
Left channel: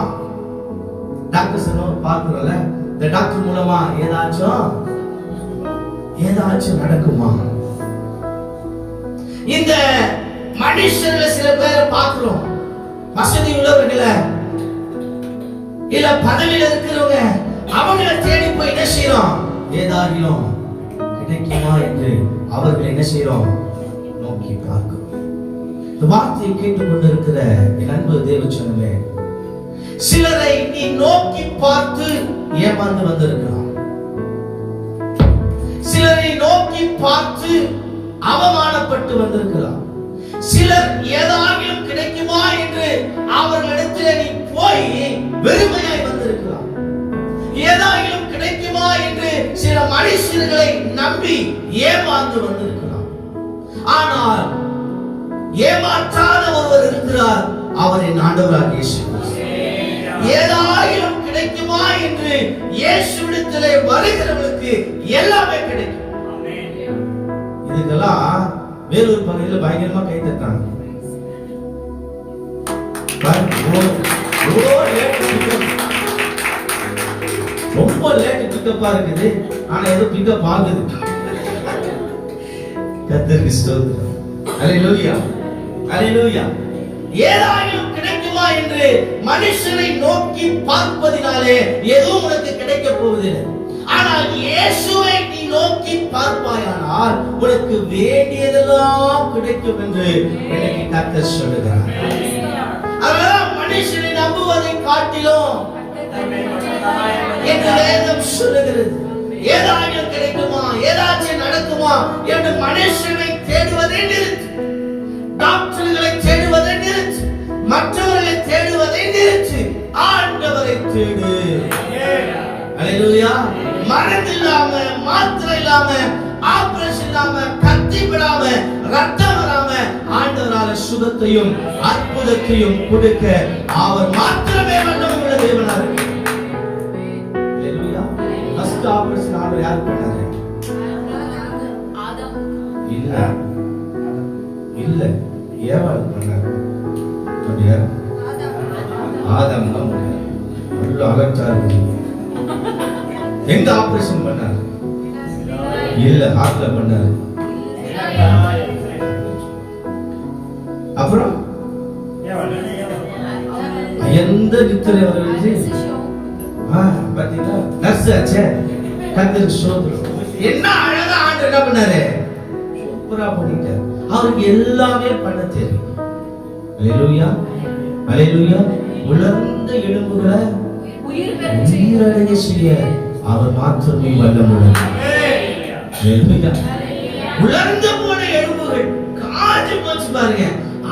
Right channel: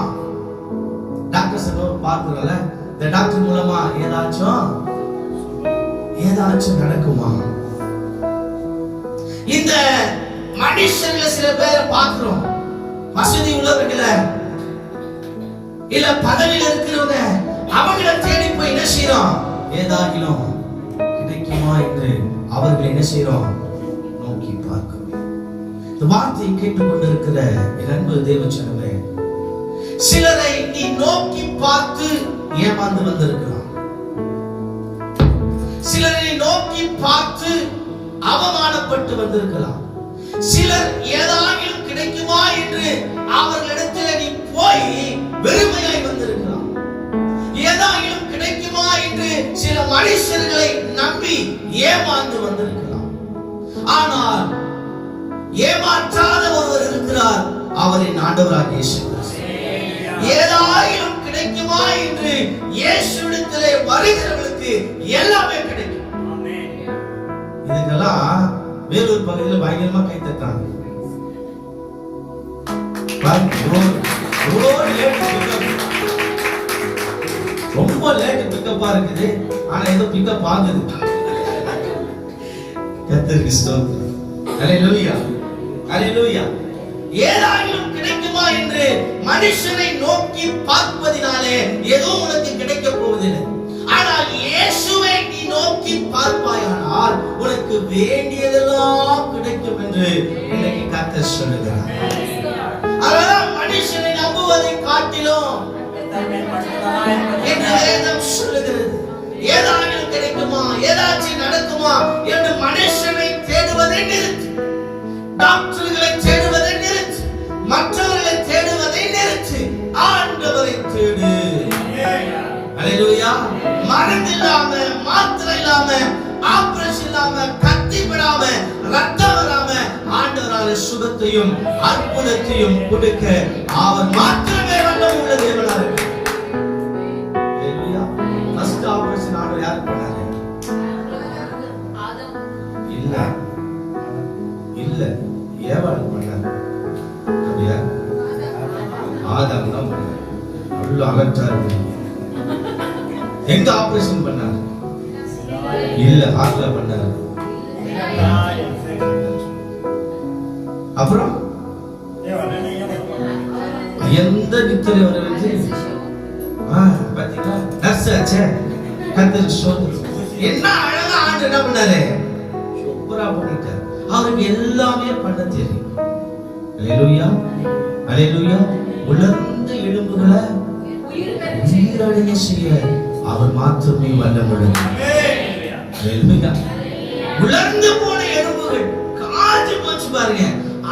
டாக்டர்ஸ் பார்க்கிறோம்ல, இந்த டாக்டர் மூலமா ஏதாச்சும் நடக்குமா? இந்த மனுஷர்களை சில பேரை பார்க்கிறோம், வசதி உள்ளவர்களை, இல்ல பதவியில் இருக்கிறவங்க, அவங்களை தேடி போய் என்ன செய்யறோம்? ஏதாகிலும் கிடைக்குமா என்று அவர்களை என்ன செய்யறோம்? நோக்கி பார்க்கிறோம். இந்த வார்த்தையை கேட்டுக்கொண்டிருக்கிற என் அன்பு தேவச்சனமே, சிலரை நீ நோக்கி பார்த்து ஏமாந்து வந்திருக்கலாம், சிலரை நோக்கி பார்த்து அவமானப்பட்டு வந்திருக்கலாம், சிலர் ஏதாகிலும் கிடைக்குமா என்று அவர்களிடத்தில் நீ போய் வெறுமையாய் வந்திருக்கலாம், ஏதாகிலும் கிடைக்குமா என்று சில மனுஷர்களை நம்பி ஏமாந்து வந்திருக்கலாம். ஆனால் ஏமாற்றாத ஒருவர் இருக்கிறார், அவர் என் ஆண்டவராகிய இயேசு கிறிஸ்து. ஏதாயிலும் கிடைக்குமா என்று இயேசுவிடத்திலே வருகிறவர்களுக்கு எல்லாமே கிடைக்கும். இதுக்கெல்லாம் வேலூர் பகுதியில் பயங்கரமா கை தட்டாங்க. ரொம்ப லேட் பிக்கப் இருக்குது, ஆனா ஏதோ பிக்கப் ஆகுது. கர்த்தருக்கு ஸ்தோத்திரம். ஹalleluya, ஹalleluya. ஏதாயிலும் கிடைக்குமா என்று மனுஷனை நோக்கி பார்ப்பதினாலே எதுவும் உனக்கு கிடைக்க போவதில்லை. ஆனால் இயேசுவை நீ நோக்கி பார்ப்பாயானால் உனக்கு வேண்டியதெல்லாம் கிடைக்கும் என்று எனக்கு கர்த்தர் சொல்லுகிறார். அதனால் மனுஷனை நம்புவதை காட்டிலும் என்று வேதம் சொல்லுகிறது. ஏதாயிலும் கிடைக்குமா, ஏதாச்சும் நடக்குமா என்று மனுஷனை தேடுவதை நிறுத்து, டாக்டர்களை தேடுவதை நிறுத்து, மற்றவர்களை தேடுவதை நிறுத்து, ஆண்டவரை தேடு. ஹalleluya. மருந்து இல்லாம, மாத்திரை இல்லாம, ஆபரேஷன் இல்லாம, கத்தி விடாம, ரத்தம் வராம ஆண்டவரால சுகத்தையும் அற்புதத்தையும் கொடுக்க அவர் மாத்திரமே வல்லமை உள்ள தேவனாக இருக்கிறார். ஹalleluya. ஃபர்ஸ்ட் ஆபரேஷன் ஆண்டவர் யார் பண்ணாரு? ஆதாம். இல்ல ஏவாள் பண்ணாரு. அப்படியா? ஆதாம் தான் பண்ணாரு. நல்ல அலட்சா இருக்கு. எங்க ஆபரேஷன் பண்ணாரு? இல்ல, ஹார்ட்ல பண்ணாரு. அப்புறம் எந்த நித்திரை வருது? பாத்தீங்களா, நர்ஸ் ஆச்சே. கர்த்தருக்கு ஸ்தோத்திரம். என்ன அழகா ஆண்டு என்ன பண்ணாரு? சூப்பரா பண்ணிட்டாரு. அவருக்கு எல்லாமே பண்ண தெரியும். அல்லேலூயா, அல்லேலூயா. உலர்ந்த எலும்புகளை உயிரடைய செய்ய அவர் மாத்திரமே வல்லமுடன். அல்லேலூயா. உலர்ந்து போன எலும்புகள் காஞ்சு போச்சு பாருங்க.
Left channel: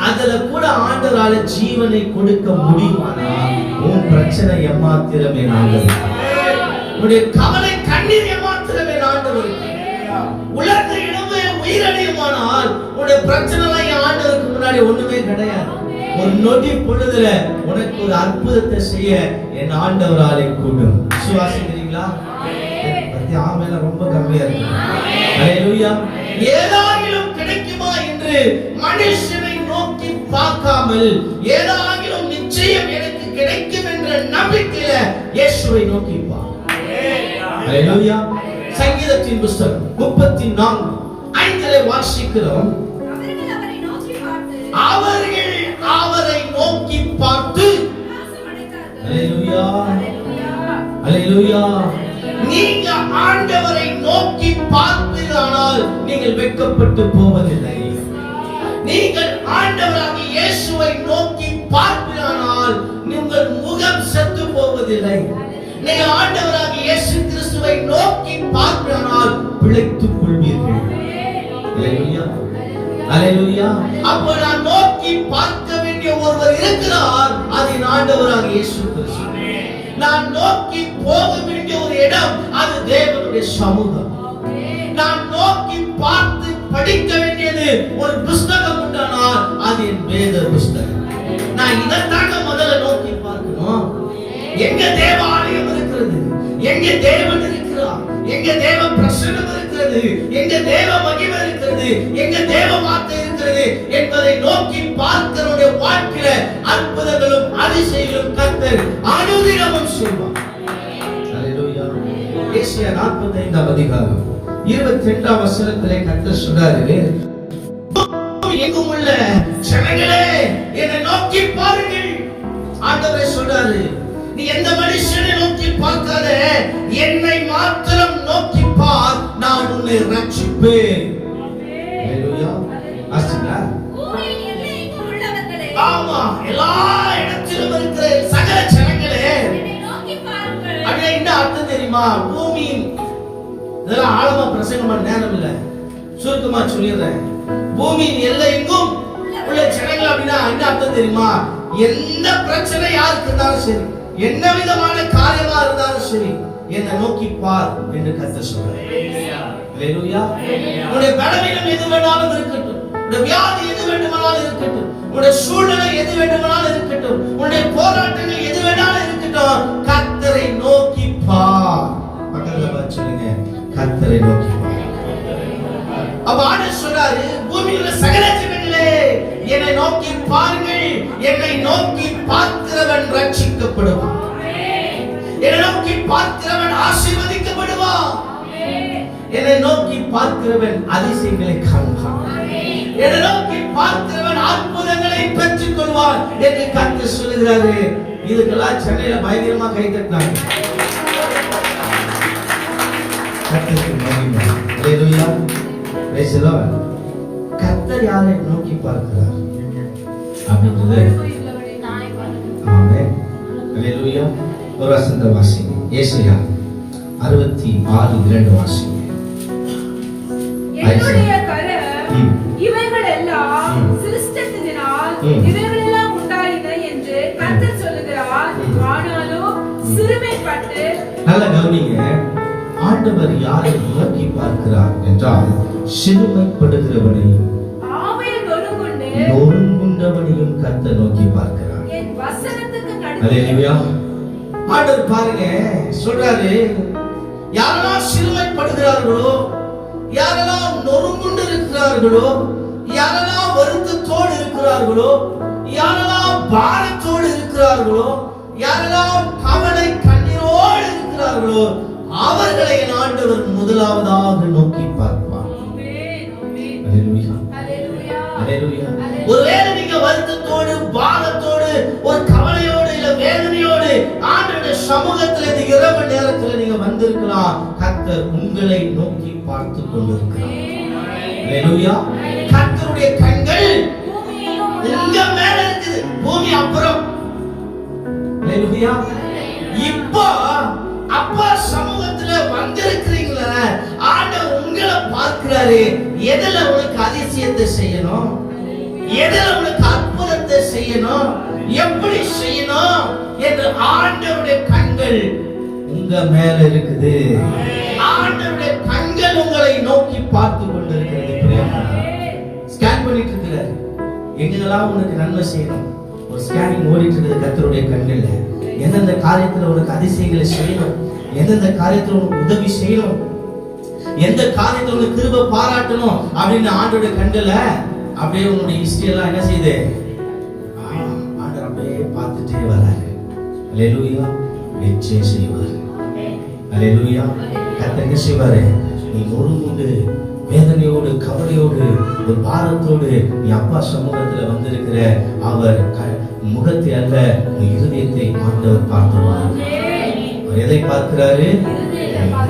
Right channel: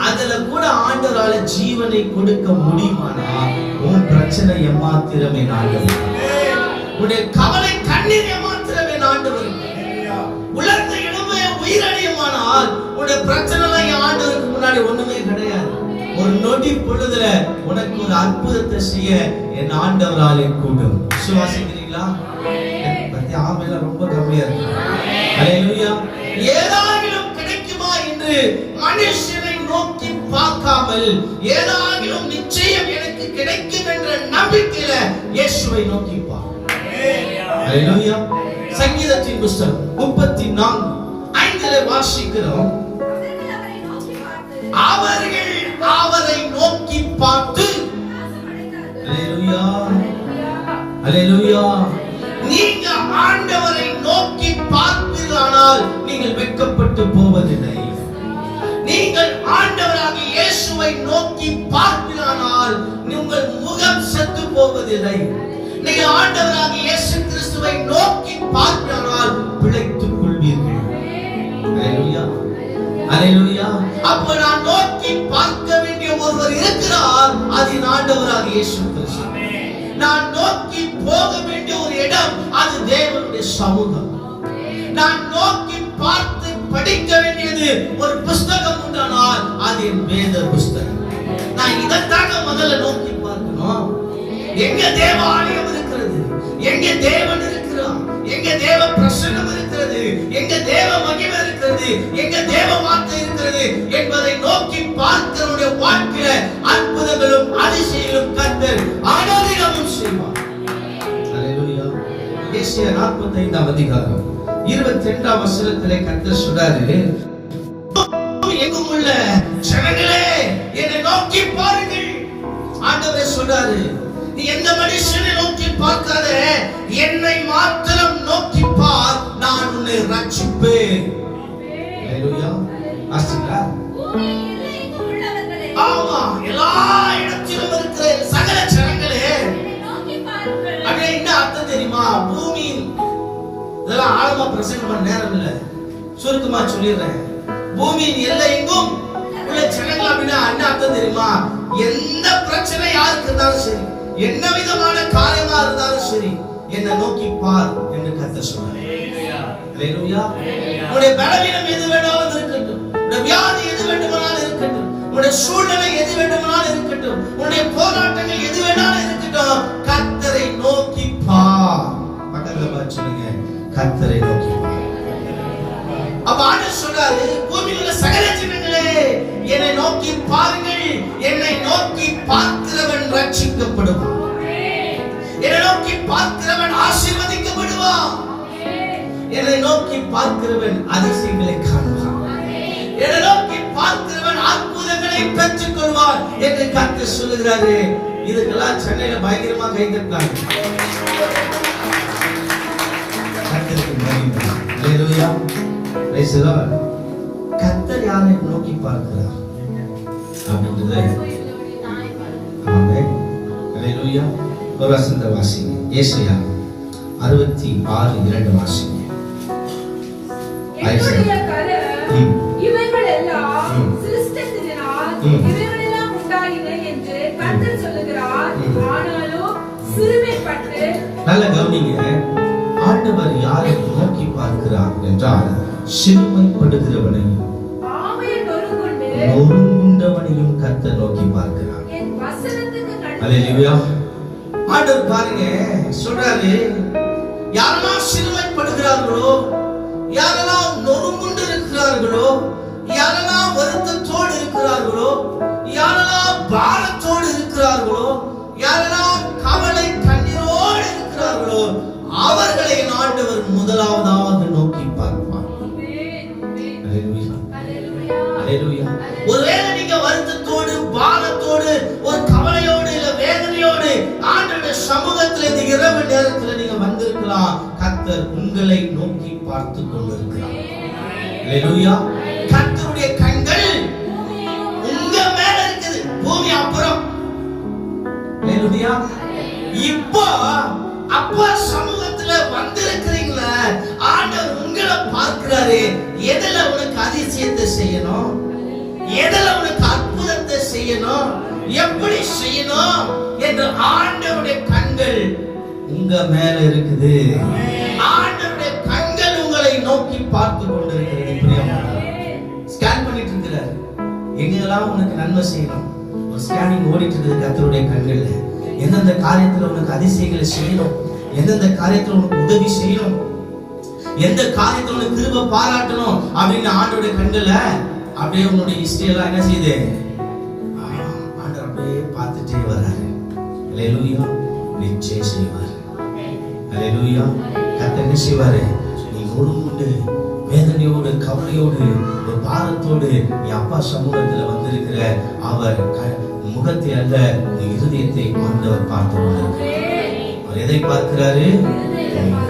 அதுல கூட ஆண்டவரால ஜீவனை கொடுக்க முடியுமானால் உன் பிரச்சனை ஏமாத்திரமே ஆண்டவர். உன்னுடைய கவலை கண்ணீர் ஏமாத்திரமே ஆண்டவர். உலர்ந்த எலும்பை உயிரடையுமானால் உன்னுடைய பிரச்சனை எல்லாம் ஆண்டவருக்கு முன்னாடி ஒண்ணுமே கிடையாது. ஒரு நொடி பொழுதுல உனக்கு ஒரு அற்புதத்தை செய்ய என் ஆண்டவராலே கூடும். விசுவாசிக்கிறீங்களா? ஆமென். ரொம்ப கம்மியா இருக்கு. அல்லேலூயா. ஏதாகிலும் கிடைக்குமா என்று மனுஷனை நோக்கி பார்க்காமல் ஏதாகிலும் நிச்சயம் எனக்கு கிடைக்கும் என்ற நம்பிக்கையில இயேசுவை நோக்கி பார். அல்லேலூயா. சங்கீதத்தின் புத்தகம் 34:5 வாசிக்கிறோம். அவர்கள் அவரை நோக்கி பார்த்து அல்லேலூயா, அல்லேலூயா. நீங்க ஆண்டவரை நோக்கி பார்ப்பீர்களானால் நீங்கள் வெட்கப்பட்டு போவதில்லை. நீங்கள் ஆண்டவராகிய இயேசுவை நோக்கி பார்ப்பீர்களானால் உங்கள் முகம் செத்து போவதில்லை. நீங்கள் ஆண்டவராகிய இயேசு கிறிஸ்துவை நோக்கி பார்ப்பீர்களானால் பிழைத்துக் கொள்வீர்கள். அல்லேலூயா, அல்லேலூயா. அப்போ நான் நோக்கி பார்க்க வேண்டிய ஒருவர் இருக்கிறார். அது ஆண்டவராகிய இயேசு கிறிஸ்து. நான் நோக்கி போக வேண்டிய ஒரு இடம், அது தேவனுடைய சமூகம். நான் நோக்கி பார்த்து படிக்க வேண்டியது ஒரு புஸ்தகம் உண்டானால் அது என் வேத புஸ்தகம். நான் இதற்காக முதல்ல நோக்கி பார்க்கணும். எங்க தேவாலயம் இருக்கிறது, எங்க தேவன் இருக்கிறார், எங்க தேவ பிரசன்னம் இருக்கிறது, எங்க தேவ மகிமை இருக்கிறது, எங்க தேவ வார்த்தை இருக்கிறது என்பதை நோக்கி பார்க்கிறவருடைய வாழ்க்கையில அற்புதங்களும் அதிசயங்களும் கர்த்தர் அனுதினமும் செய்வார். அல்லேலூயா. ஏசாயா 45:22 கர்த்தர் சொல்றாரு, எங்கும் உள்ள ஜனங்களே என்னை நோக்கி பாருங்கள். ஆண்டவர் சொல்றாரு, நீ எந்த மனுஷனை நோக்கி பார்க்காத, என்னை மாத்திரம் நோக்கி பார், நான் உன்னை ரட்சிப்பேன். அல்லேலூயா. ஆஸ்திரா. ஆமா, எல்லா இடத்திலும் இருக்கிற சகல ஜனங்களே அப்படியே என்ன அர்த்தம் தெரியுமா? பூமி இதெல்லாம் ஆழமா பிரசங்கம் பண்ண நேரம் இல்ல, சுருக்கமா சொல்லிடுறேன். பூமியின் எல்லை எங்கும் உள்ள ஜனங்கள் அப்படின்னா என்ன அர்த்தம் தெரியுமா? எந்த பிரச்சனை யாருக்கு இருந்தாலும் சரி, என்ன விதமான காரியமா இருந்தாலும் சரி, என்னை நோக்கி பார் என்று கர்த்தர் சொல்றார். அல்லேலூயா. உன்னுடைய பலவீனம் எது வேணாலும் இருக்கட்டும், உன்னுடைய வியாதி எது வேண்டுமானாலும் இருக்கட்டும், உன்னுடைய சூழ்நிலை எது வேண்டுமானாலும் இருக்கட்டும், உன்னுடைய போராட்டங்கள் எது வேணாலும் இருக்கட்டும், கர்த்தரை நோக்கி பார். பக்கத்துல பார்த்து சொல்லுங்க, கர்த்தரை நோக்கி பார். அப்ப ஆண்டவர் சொல்றாரு, பூமியில் உள்ள சகல ஜனங்களே என்னை நோக்கி பாருங்கள், என்னை நோக்கி பார்க்கிறவன் ரட்சிக்கப்படுவான், என்னை நோக்கி பார்க்கிறவன் ஆசீர்வதிக்கப்படுவான், என்னை நோக்கி பார்க்கிறவன் அதிசயங்களை காண்பான், என்னை நோக்கி பார்க்கிறவன் அற்புதங்களை பெற்றுக் கொள்வான் என்று கர்த்தர் சொல்லுகிறாரு. இதுக்கெல்லாம் சென்னையில பயங்கரமா கை தட்டுறாங்க. கர்த்தருக்கு மகிமை. அல்லேலூயா. Praise the lord. கர்த்தர் யாரை நோக்கி பார்க்கிறார் அப்படின்றது. ஆமென். அல்லேலூயா. ஒரு வசனத்தை வாசிங்க. ஏசாயா 66:2 வாசிங்க. என்னுடைய கரம் இவைகள் எல்லாம் சிருஷ்டித்ததினால் இவைகள் எல்லாம் உண்டாயின என்று கர்த்தர் சொல்லுகிறார். ஆனாலும் சிறுமைப்பட்டு. நல்லா கவனிங்க. ஆண்டவர் யாரை நோக்கி பார்க்கிறார் என்றால் சிறுமைப்படுகிறவனை, ஆவியில் நொறுங்குண்டவனையும் கர்த்தர் நோக்கி பார்க்கிறார். என் வசனத்துக்கு நடுவே. அல்லேலூயா. ஆண்டவர் பாருங்க சொல்றாரு, யாரெல்லாம் சிறுமைப்படுகிறார்களோ, யாரெல்லாம் நொறுங்குண்டு இருக்கிறார்களோ, யாரெல்லாம் வருத்தத்தோடு இருக்கிறார்களோ, யாரெல்லாம் பாரத்தோடு இருக்கிறார்களோ, யாரெல்லாம் கவலை கண்ணீரோடு இருக்கிறார்களோ, அவர்களை என் ஆண்டவர் முதலாவதாக நோக்கி பார்ப்பார். அல்லேலூயா, அல்லேலூயா. ஒருவேளை நீங்க வருத்தத்தோடு, பாரத்தோடு, ஒரு கவலையோடு, இல்ல வேதனையோடு ஆண்டவருடைய சமூகத்தில் இந்த இரவு நேரத்தில் நீங்க வந்திருக்கலாம். கர்த்தர் உங்களை நோக்கி பார்த்து கொண்டிருக்கிறார். அல்லேலூயா. கர்த்தருடைய கண்கள் உங்க மேல இருக்குது, பூமி அப்புறம். அல்லேலூயா. இப்போ அப்பா சமூகத்துல வந்திருக்கிறீங்களா? ஆண்டவர் உங்களை பார்க்கிறாரு. எதுல உனக்கு அதிசயத்தை செய்யணும், எதுல உனக்கு அற்புதத்தை செய்யணும், எப்படி செய்யணும் என்று ஆண்டவருடைய கண்கள் உங்க மேல இருக்குது. ஆண்டவருடைய கண்கள் உங்களை நோக்கி பார்த்து கொண்டிருக்கிறது. பிரியமானவர்களே, ஸ்கேன் பண்ணிட்டு இருக்கிறார். எங்கெல்லாம் உனக்கு நன்மை செய்யணும், ஒரு ஸ்கேனிங் ஓடிட்டு இருக்குது கர்த்தருடைய கண்கள்ல. எந்தெந்த காரியத்துல உனக்கு அதிசயங்களை செய்யணும், எந்தெந்த காரியத்துல உனக்கு உதவி செய்யணும், எந்த காரியத்துல உனக்கு கிருபை பாராட்டணும் அப்படின்னு ஆண்டவருடைய கண்கள்ல அப்படியே உன்னுடைய ஹிஸ்டரி எல்லாம் என்ன செய்யுது, ஆண்டவர் அப்படியே பார்த்துட்டே வராரு. அல்லேலூயா. நிச்சயம் செய்வார். அல்லேலூயா. கர்த்தர் என்ன செய்வாரு? நீ முழுமுண்டு வேதனையோடு, கவலையோடு, ஒரு பாரத்தோடு நீ அப்பா சமூகத்துல வந்திருக்கிற அவர் முகத்தை அல்ல, இருதயத்தை ஆண்டவர் பார்த்து அவர் எதை பார்க்கிறாரு?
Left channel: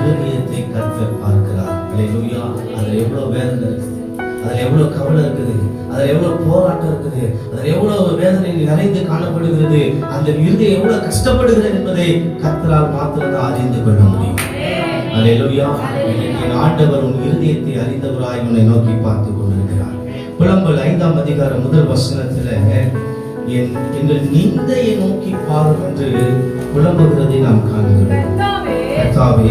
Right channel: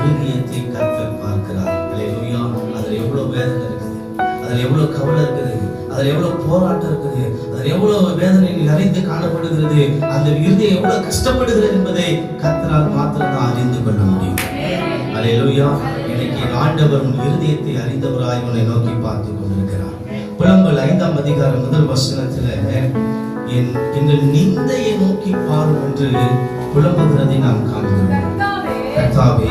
இருதயத்தை கர்த்தர் பார்க்கிறார். அல்லேலூயா. அதுல எவ்வளவு வேதனை இருக்குது, அதுல எவ்வளவு கவலை இருக்குது, அதுல எவ்வளவு போராட்டம் இருக்குது, அதுல எவ்வளவு வேதனை நிறைந்து காணப்படுகிறது, அந்த இருதயம் எவ்வளவு கஷ்டப்படுகிறது என்பதை கர்த்தரால் மாத்திரம்தான் அறிந்து கொள்ள முடியும். அல்லேலூயா. இன்னைக்கு ஆண்டவர் உன் இருதயத்தை அறிந்தவராய் உன்னை நோக்கி பார்த்து கொண்டிருக்கிறார். புலம்பல் 5ஆம் அதிகாரம் 1 வசனத்துல எங்கள் நிந்தையை நோக்கி பாரும் என்று புலம்புகிறதை நாம் காண்கிறோம். கர்த்தாவே,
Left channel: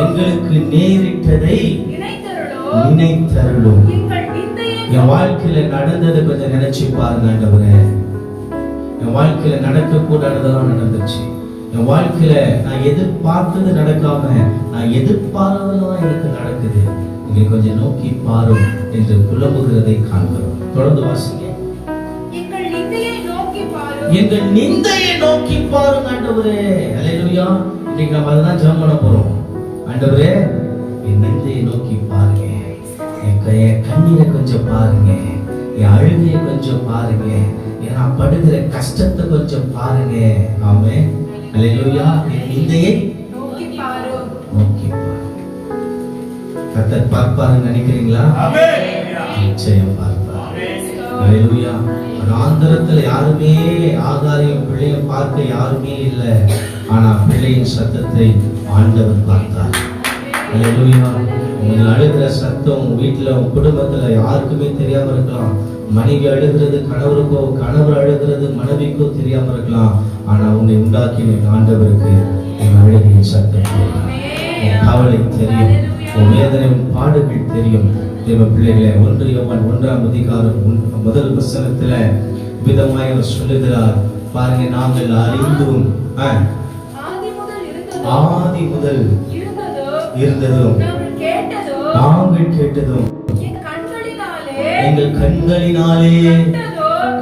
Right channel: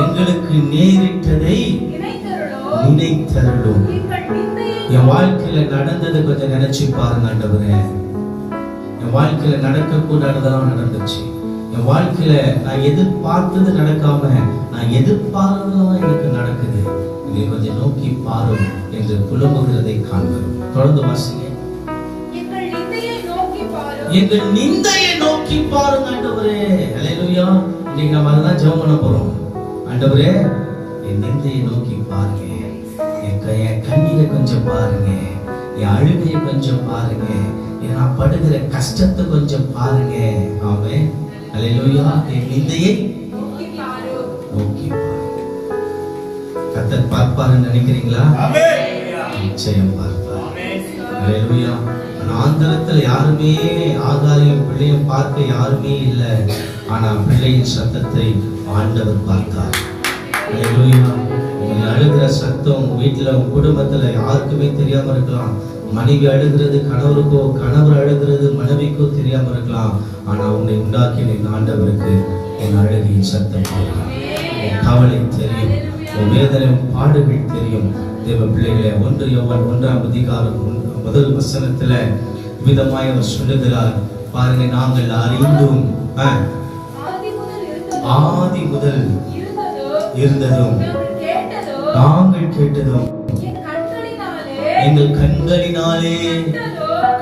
எங்களுக்கு நேரிட்டதை நினைத்தருளும். என் வாழ்க்கையில நடந்ததை கொஞ்சம் நினைச்சு பாருங்க ஆண்டவரே. என் வாழ்க்கையில நடக்க கூடாததான் நடந்துச்சு. என் வாழ்க்கையில நான் எதிர்பார்த்தது நடக்காம நான் எதிர்பார்த்ததுதான் எனக்கு நடக்குது. நீங்க கொஞ்சம் நோக்கி பாரும் என்று புலம்புகிறதை காண்கிறோம். தொடர்ந்து வாசிங்க. எங்கள் நிந்தையை நோக்கி பாருங்க ஆண்டவரே. அல்லேலூயா. இன்னைக்கு நம்ம அதுதான் ஜெபம் பண்ண போறோம். ஆண்டவரே, என் நிந்தையை நோக்கி பாருங்க, என் கண்ணீரை கொஞ்சம் பாருங்க, என் அழுகையை கொஞ்சம் பாருங்க, நான் படுகிற கஷ்டத்தை கொஞ்சம் பாருங்க. ஆமென். அல்லேலூயா. என் நிந்தையை நோக்கி பாருங்க. கர்த்தர் பார்ப்பாருன்னு நினைக்கிறீங்களா? நிச்சயம் பார்ப்பார். அல்லேலூயா. ஆந்திரத்துல யாருமே ஆகாரையும் பிள்ளையும் பார்க்க யாருமே இல்லை. ஆனா பிள்ளையின் சத்தத்தை ஆண்டவர் பார்த்தார். அல்லேலூயா. நீங்க அழுகிற சத்தம் வீட்டுல உங்க குடும்பத்துல யாருக்குமே தெரியாம இருக்கலாம். மனைவி அழுகிறது கணவருக்கோ, கணவர் அழுகிறது மனைவிக்கோ தெரியாம இருக்கலாம். ஆனா உன்னை உண்டாக்கின ஆண்டவருக்கு உன் அழுகையின் சத்தம் தெரியும், உன் கவலை தெரியும், உன் வேதனை, உன் பாடுகள் தெரியும். தேவ பிள்ளைகளே, 1 யோவான் 1ஆம் அதிகாரம் 1 வசனத்துல விதமாய் அவர் சொல்லுகிறார் பாருங்க. நாங்கள் அறிந்தும் ஆதி முதல் இருந்ததும் நாங்கள் கேட்டதும் எங்கள் கண்களினாலே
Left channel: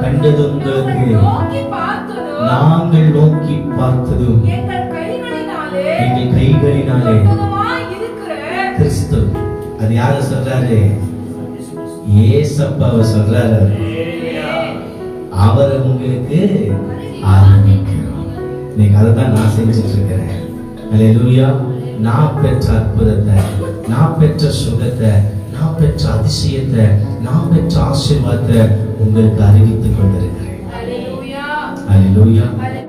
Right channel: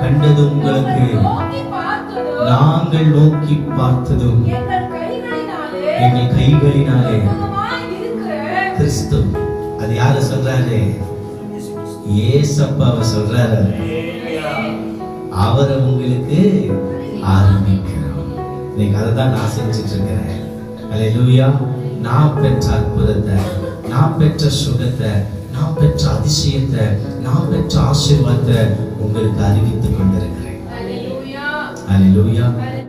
கண்டதும் உங்களுக்கு நாங்கள் நோக்கி பார்த்ததும் எங்கள் கைகளினாலே கிறிஸ்து. அது யார சொல்றாரு? ஏசப்பாவை சொல்றாரு. அவரை உங்களுக்கு ஆரம்பிக்கிறோம். இன்னைக்கு அதை தான் நான் செஞ்சுட்டு இருக்கிறேன். அல்லேலூயா. நான் பெற்ற அற்புதத்தை, நான் பெற்ற சுகத்தை, நான் பெற்ற அதிசயத்தை, நான் பெற்ற ஆசீர்வாதத்தை உங்களுக்கு அறிவித்துக் கொண்டிருக்கிறேன். அல்லேலூயா.